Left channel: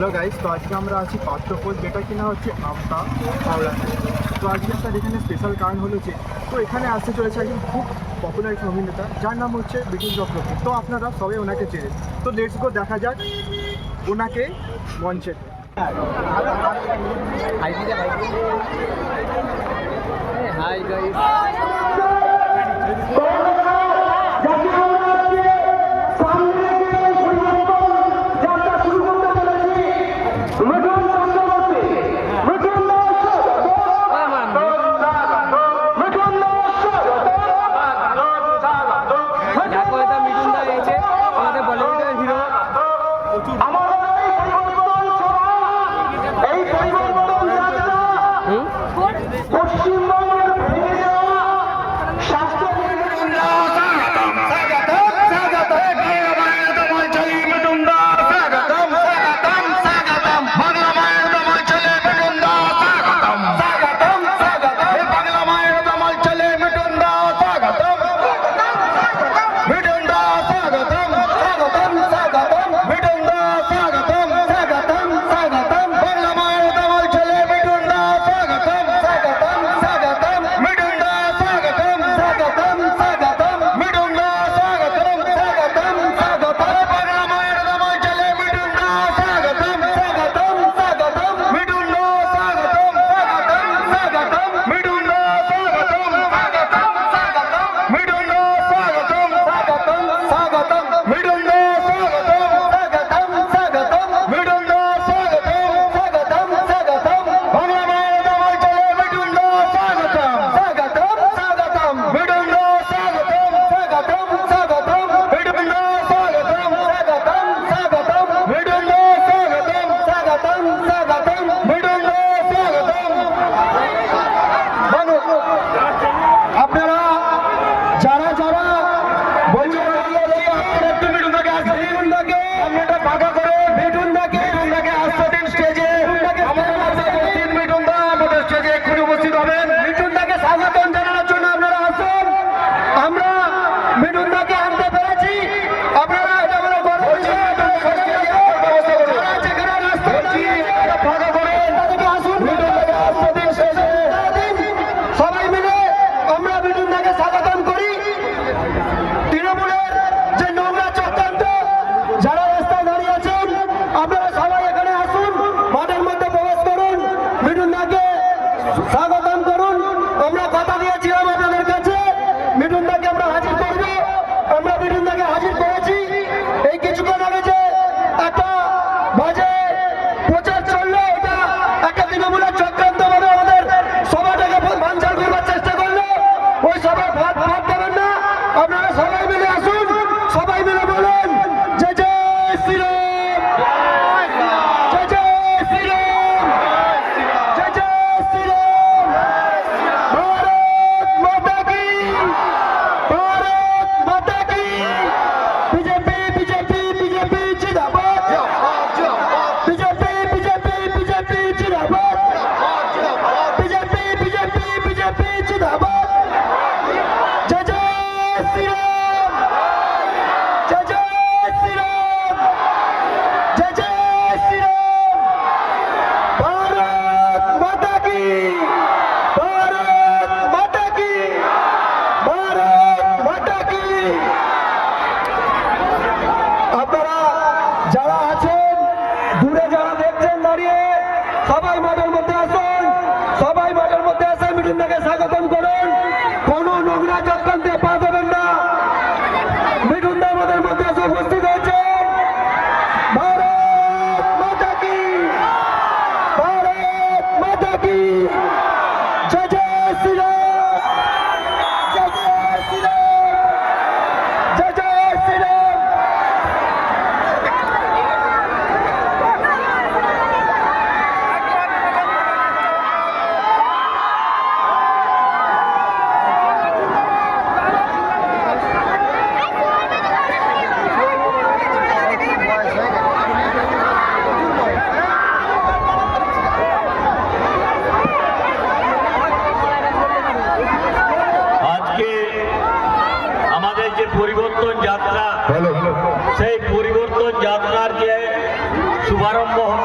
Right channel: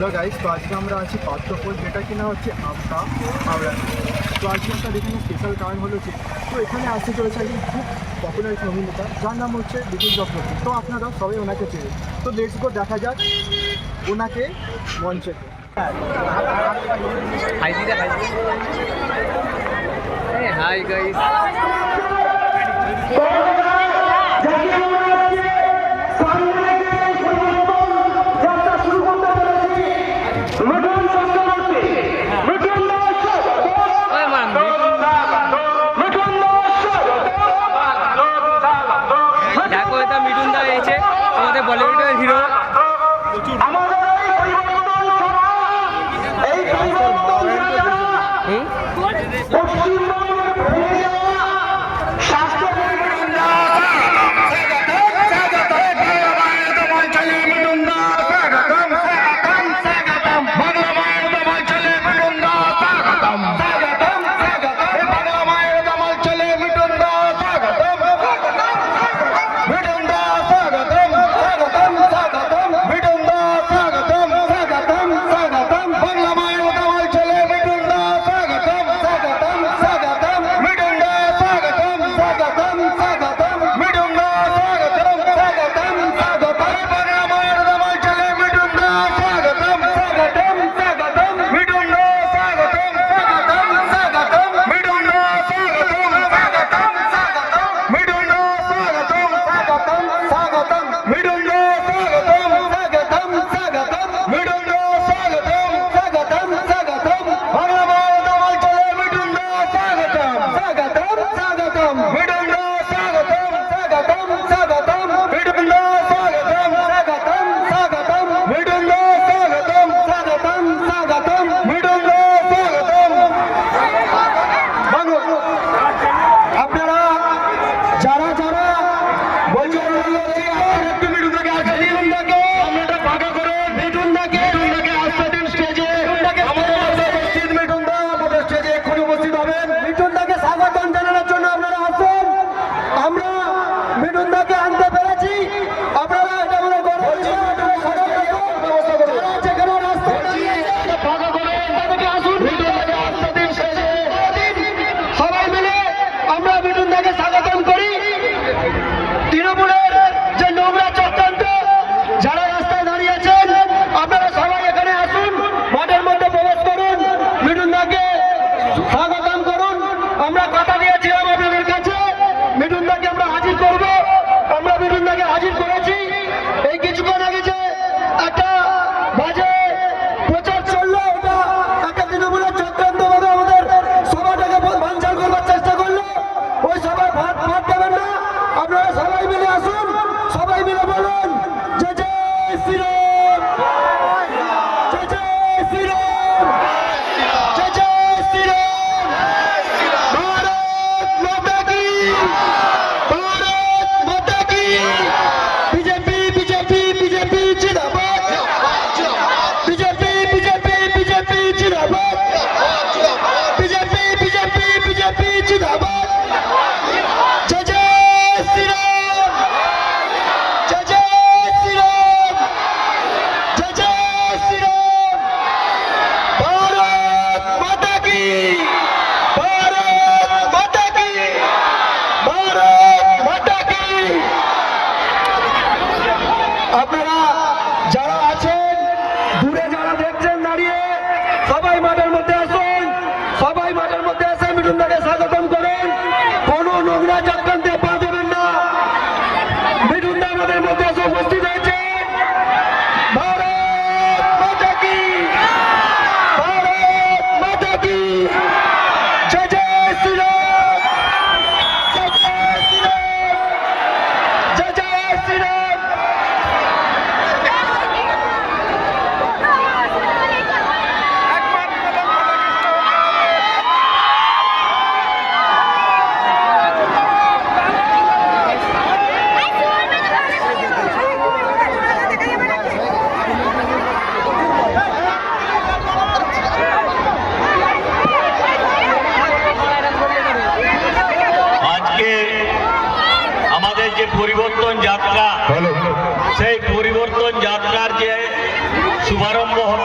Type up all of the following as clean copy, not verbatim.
Hello guys, তো আজকে আমরা আছি পাত্রপোল, যেটা কিনা হচ্ছে আমতা হাওড়াতে। তো আজকে আপনার এখানে স্পেশাল কারণ হলো যে তো এখানে আসতে চলেছে একজন খুব পপুলার একজন অভিনেতা, যার নাম হচ্ছে বিপিন চক্রবর্তী। তো আপনারা সবাই ওনাকে চেনেন। তো লেটস গো দেখা যাক ওনাকে মঞ্চেতে। হাই গাইস, দেখো এটা মিঠুন দা এসেছে, আমাদের বলিউডের হিরো।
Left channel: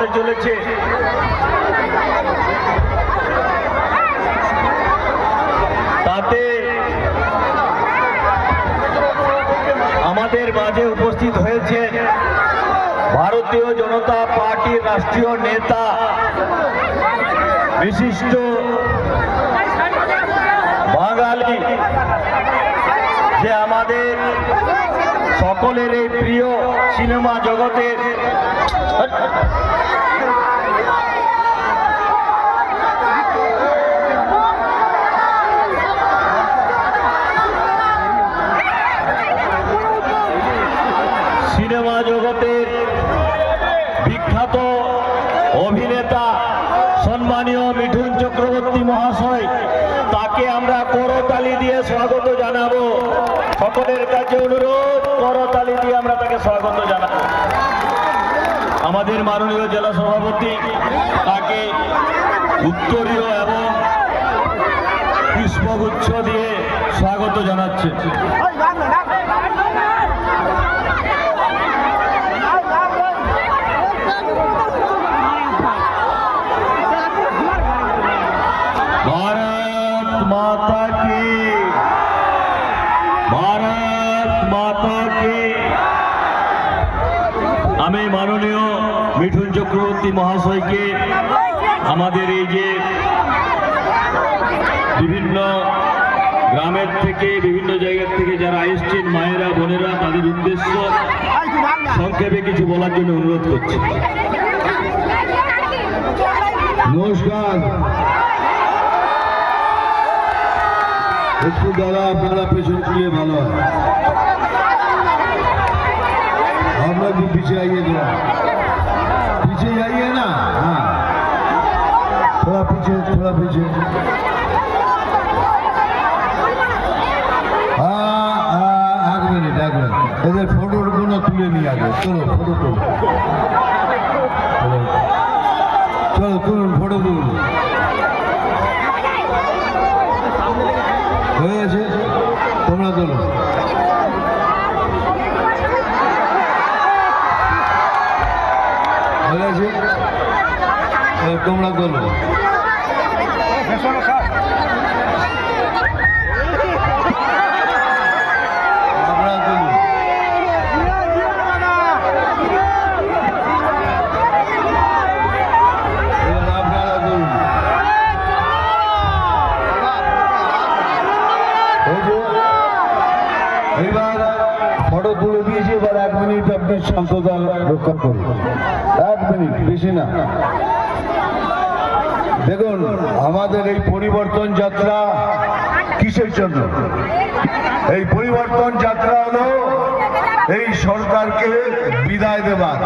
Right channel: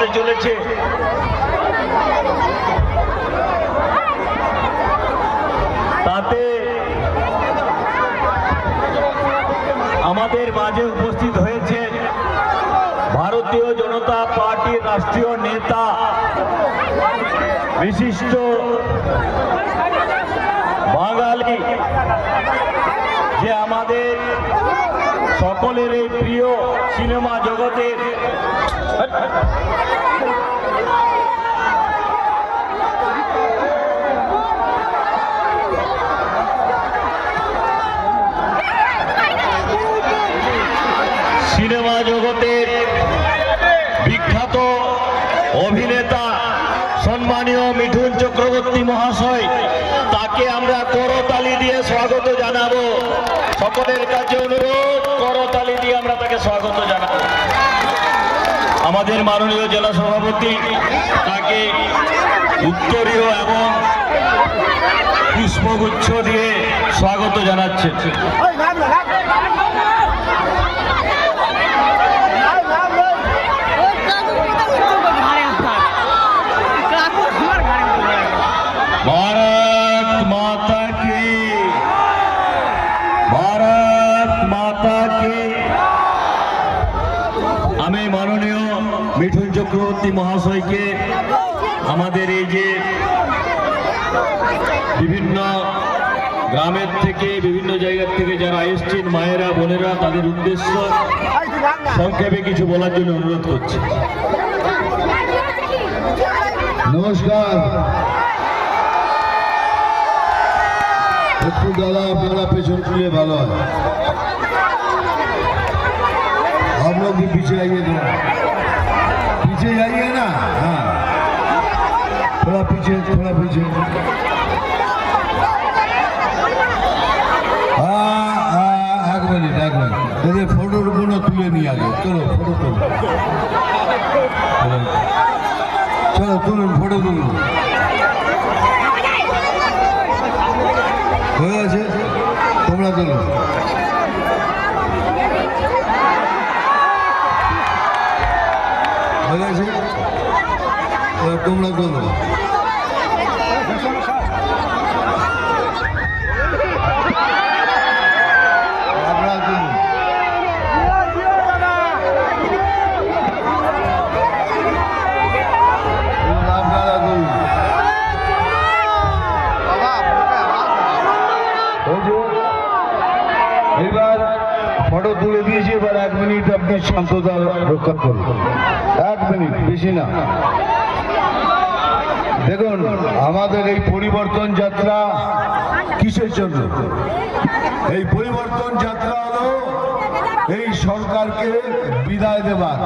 হতে চলেছে। তাতে আমাদের মাঝে উপস্থিত হয়েছে ভারতীয় জনতা পার্টির রাষ্ট্রীয় নেতা, বিশিষ্ট বাঙালি, যে আমাদের সকলের এই প্রিয় সিনেমা জগতের সিনেমা জগতের বিখ্যাত অভিনেতা সম্মানীয় মিঠুন চক্রবর্তী মহাশয়, তাকে আমরা করতালি দিয়ে স্বাগত জানাবো। সকলের কাছে অনুরোধ, করতালি দিয়ে আমরা তাকে স্বাগত জানাবো। আমাদের মাননীয় জেলা সভাপতি তাকে উত্তরীয় এবং পুষ্পগুচ্ছ দিয়ে স্বাগত জানাচ্ছে। भारत माता की, भारत माता की। আমি মাননীয় মিঠুন চক্রবর্তী মহাশয়কে আমাদের এই যে বিভিন্ন গ্রামের থেকে বিভিন্ন জায়গার থেকে যারা এসছেন মায়েরা বোনেরা, তাদের উদ্দেশ্য সংক্ষেপে কিছু বলার জন্য অনুরোধ করছি। নমস্কার। একটু দাদা আপনারা পেছন ফিরে ভালো হয়, आप लोग भी पीछे आइए, पीछे जाइए ना। हाँ, थोड़ा पीछे, थोड़ा पीछे। एक मिनट এদের ফটোর গুলো তুলে নিয়ে আগে। চলো ফটো তুলো, চলো তুলুন, ফটো তুলুন। হয়ে গেছে, তোমরা তোলো। হয়ে গেছে, তোমরা তোলো। আপনারা তুলুন। আপনারা তুলুন। এবার ফটো তুলে দিয়েছি, এবার 1 মিনিট আপনি শান্ততা রক্ষা করুন। 1 মিনিট, বেশি না। দেখুন, আমাদের এই পরিবর্তন যাত্রা কিসের জন্য? এই পরিবর্তন যাত্রা হলো এই সরকারকে বিদায় দেবার।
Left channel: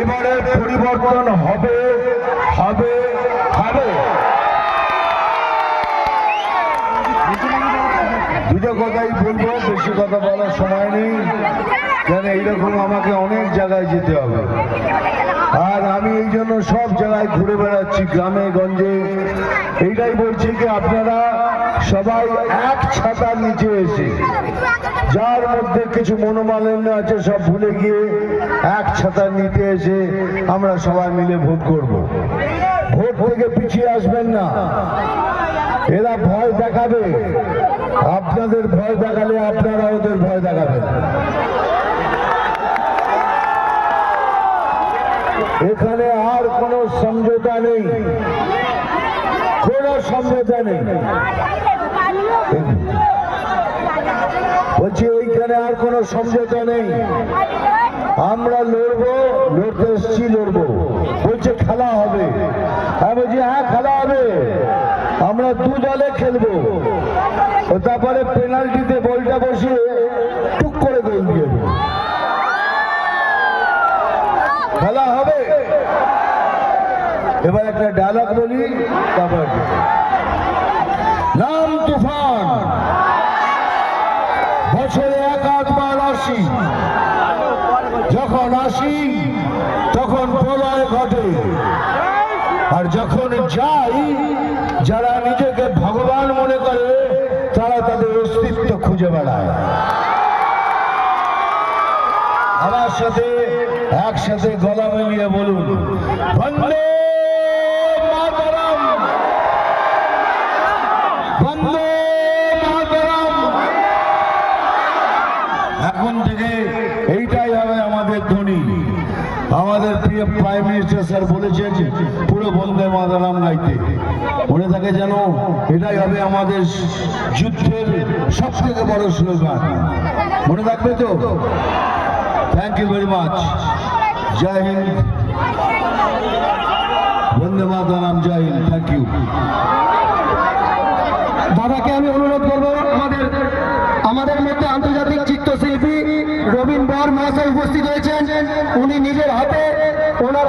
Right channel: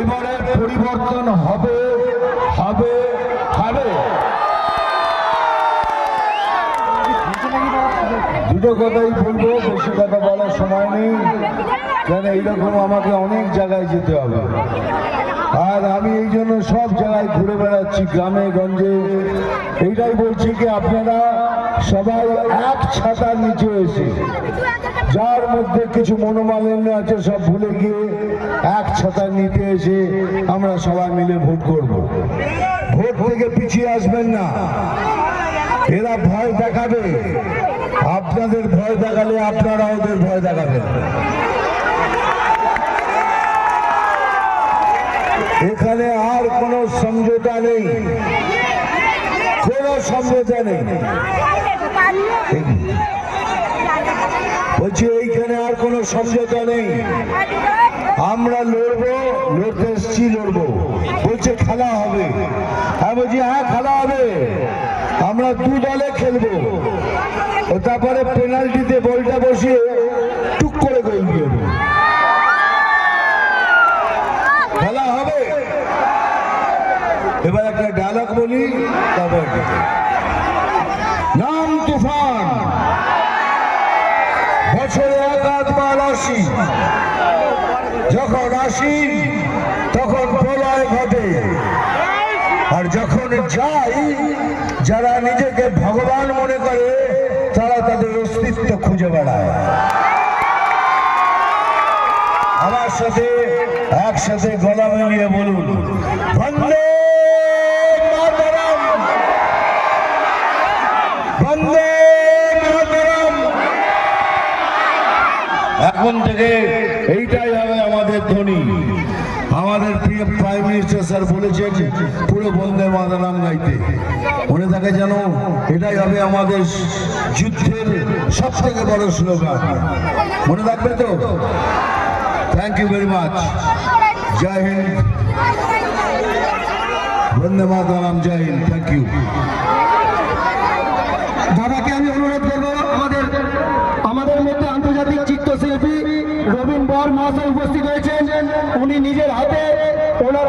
এবারে পরিবর্তন হবে, হবে, হবে। দুটো কথাই বলবো, বেশি কথা বলার সময় নেই, কেন এইরকম আমাকে অনেক জায়গায় যেতে হবে। আর আমি এই জন্য সব জায়গায় ঘুরে বেড়াচ্ছি, গ্রামে গঞ্জে। এইটাই বলছি কি আপনারা সবাই এক ছাতার নিচে এসে, যার মধ্যে কিছু মনোমালিন্য আছে সব ভুলে গিয়ে এক ছাতার নিচে এসে আমরা সবাই মিলে ভোট করব। ভোট থেকে পিছিয়ে আসবেন না। এরা ভয় দেখাবে, আপনাদের ভয় দেখালে আপনারা ওদের ভয় দেখাবেন। এখানে আর কোনো সমঝোতা নেই, কোনো সমঝোতা নেই। বলছি এইখানে আর কোনো সমঝোতা নেই। আমরা লড়বো, লড়তে এসছি, লড়বো। বলছে খেলা হবে, হ্যাঁ বলছি হ্যাঁ খেলা হবে। আমরা 2 দলে খেলবো, ও তারপরে পেনাল্টিতে বলটা বসিয়ে টুক করে গোল দিয়ে দেবো। খেলা হবে। এবার একটা ডায়লগ বলি, তারপর নাম তুফান, বছরে 1 বার আসি, যখন আসি তখন প্রলয় ঘটে, আর যখন যাই যারা নিজেকে ভগবান মনে করে তারা তাদের অস্তিত্ব খুঁজে বেড়ায়। আমার সাথে একসাথে গলা মিলিয়ে বলুন বন্দে মাতরম, বন্দে মাতরম। এখন থেকে এইটাই হবে আমাদের ধ্বনি। আমাদের প্রিয় প্রাইম মিনিস্টার স্যার বলেছেন পুরো বন্দে মাতরম গাইতে, মনে থাকে যেন এটাই হবে আমাদের যুদ্ধের সব থেকে বড় স্লোগান, মনে থাকবে তো? Thank you very much. জয় হিন্দ, বন্দে মাতরম, জয় হিন্দ, থ্যাংক ইউ। দাদাকে আমি অনুরোধ করবো, আমাদের মধ্যে আন্তর্জাতিক চিত্রশিল্পী রবীন বর মহাশয় উপস্থিত হয়েছেন। উনি নিজের হাতে ওনার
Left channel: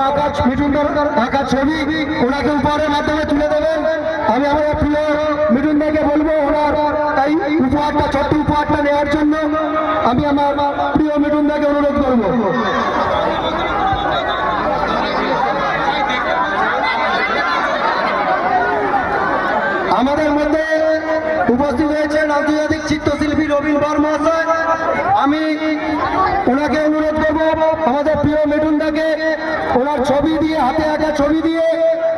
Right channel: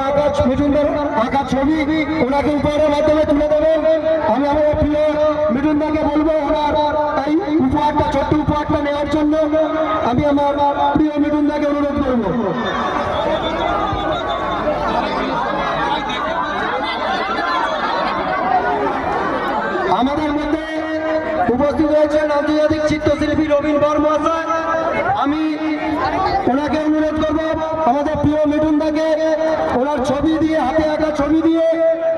মিঠুনদার আঁকা ছবি ওনাকে উপহারের মাধ্যমে তুলে দেবেন। আমি আমার প্রিয় মিঠুনদাকে বলবো ওনার এই উপহারটা, ছোট্ট উপহারটা নেওয়ার জন্য আমি আমার প্রিয় মিঠুনদাকে অনুরোধ করবো। আমাদের মধ্যে উপস্থিত হয়েছেন আন্তর্জাতিক চিত্রশিল্পী রবীন বর মহাশয়। আমি ওনাকে অনুরোধ করবো আমাদের প্রিয় মিঠুনদাকে ওনার ছবি দিয়ে, হাতে আঁকা ছবি দিয়ে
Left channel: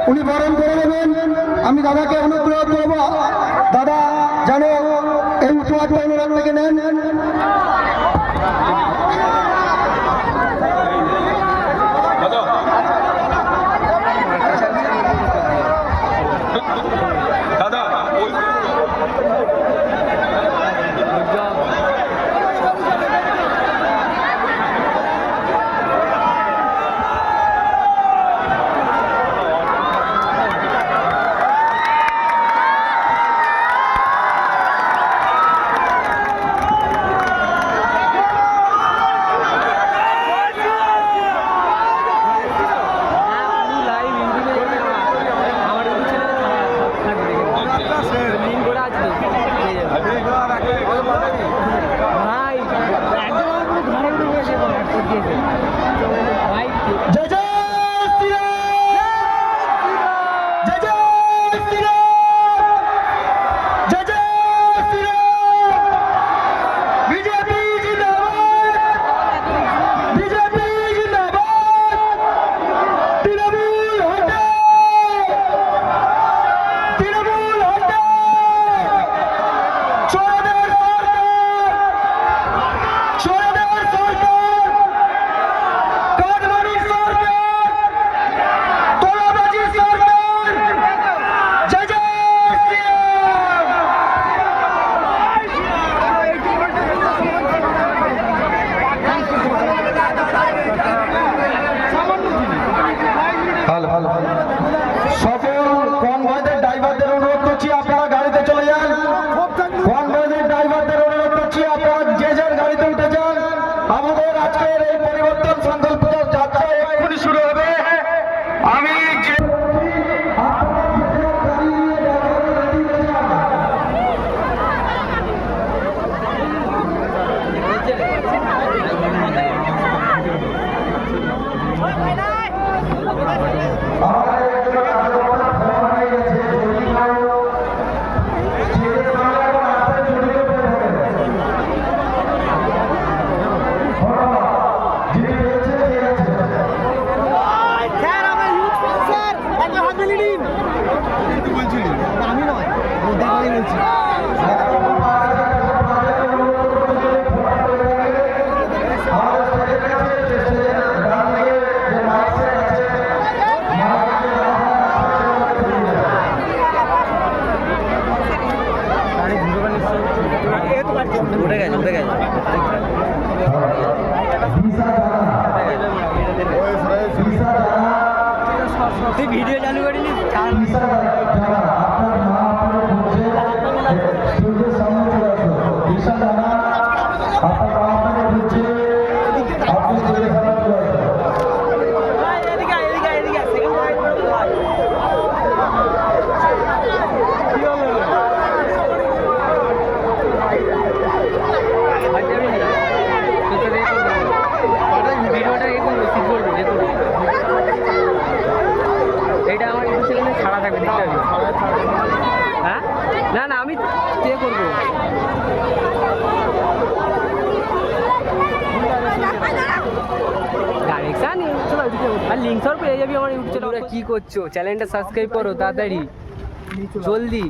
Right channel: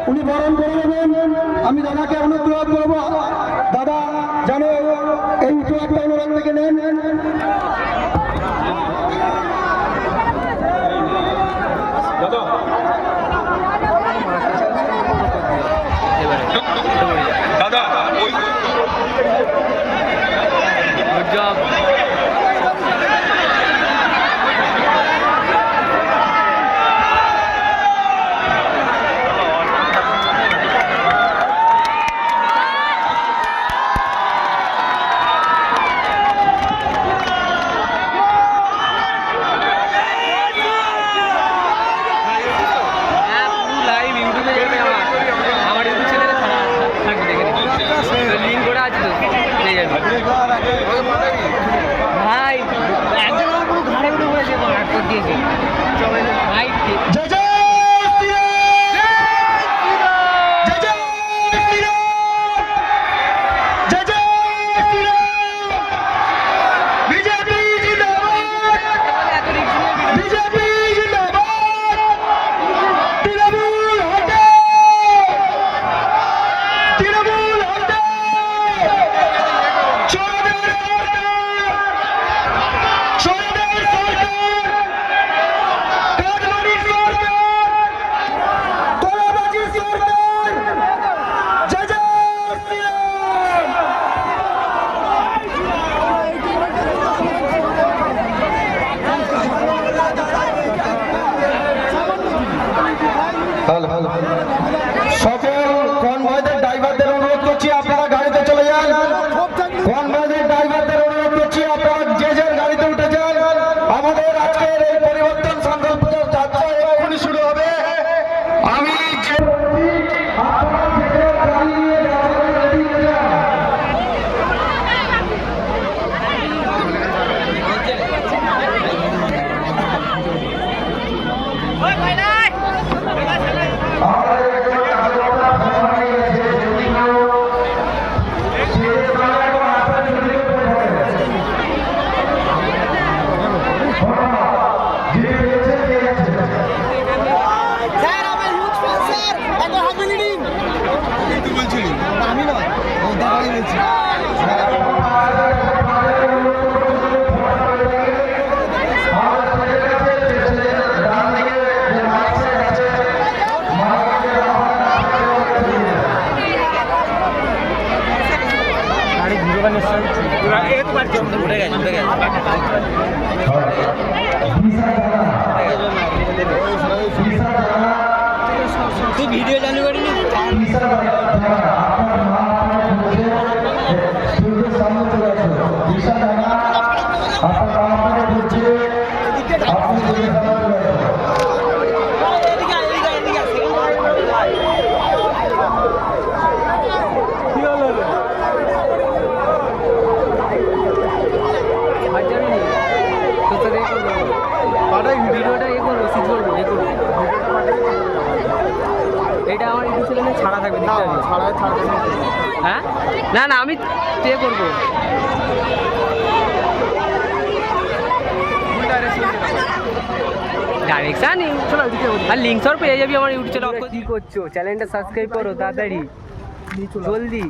উনি বরণ করে নেবেন। আমি দাদাকে অনুরোধ করবো দাদা যেন এই উপহারটা ওনার থেকে নেন। Good job. লাইভ ইউটিউবে যাবে, আমার ইউটিউব চ্যানেলে থাকবে, দেখে লিঙ্ক করা আছে তো, পেয়ে যাবে। ভাই একদম আমার পুরো ঘাড়ে উঠে পড়েছে, আটকে দিয়েছে ভাই। জয় জয় সকল কনভয়ের ড্রাইভারদের অনুরোধ করছি আপনারা গাড়িতে চলে যান। কনভয়ের ড্রাইভারদের অনুরোধ করছি আপনারা যে যার গাড়িতে উঠে যান। আমাদের আজকের এই পরিবর্তন সংকল্প যাত্রা এখনই শুরু হবে। আমি যে ভিডিও চালু করিনি। ভিডিওটা এ করবো, সিট করবো, এ করবো। এটা আমার ইউটিউব চ্যানেলে ছাড়া থাকবে, দেখতে পাবি। হ্যাঁ, না না আমি পে করবো। ডাইরেকশন চলো এদিকে আর লিঙ্ক সব পেয়ে যাবি আমার ইউটিউব চ্যানেল। কি করছো, চ্যানেলটা সাবস্ক্রাইব করো তাড়াতাড়ি, জলদি।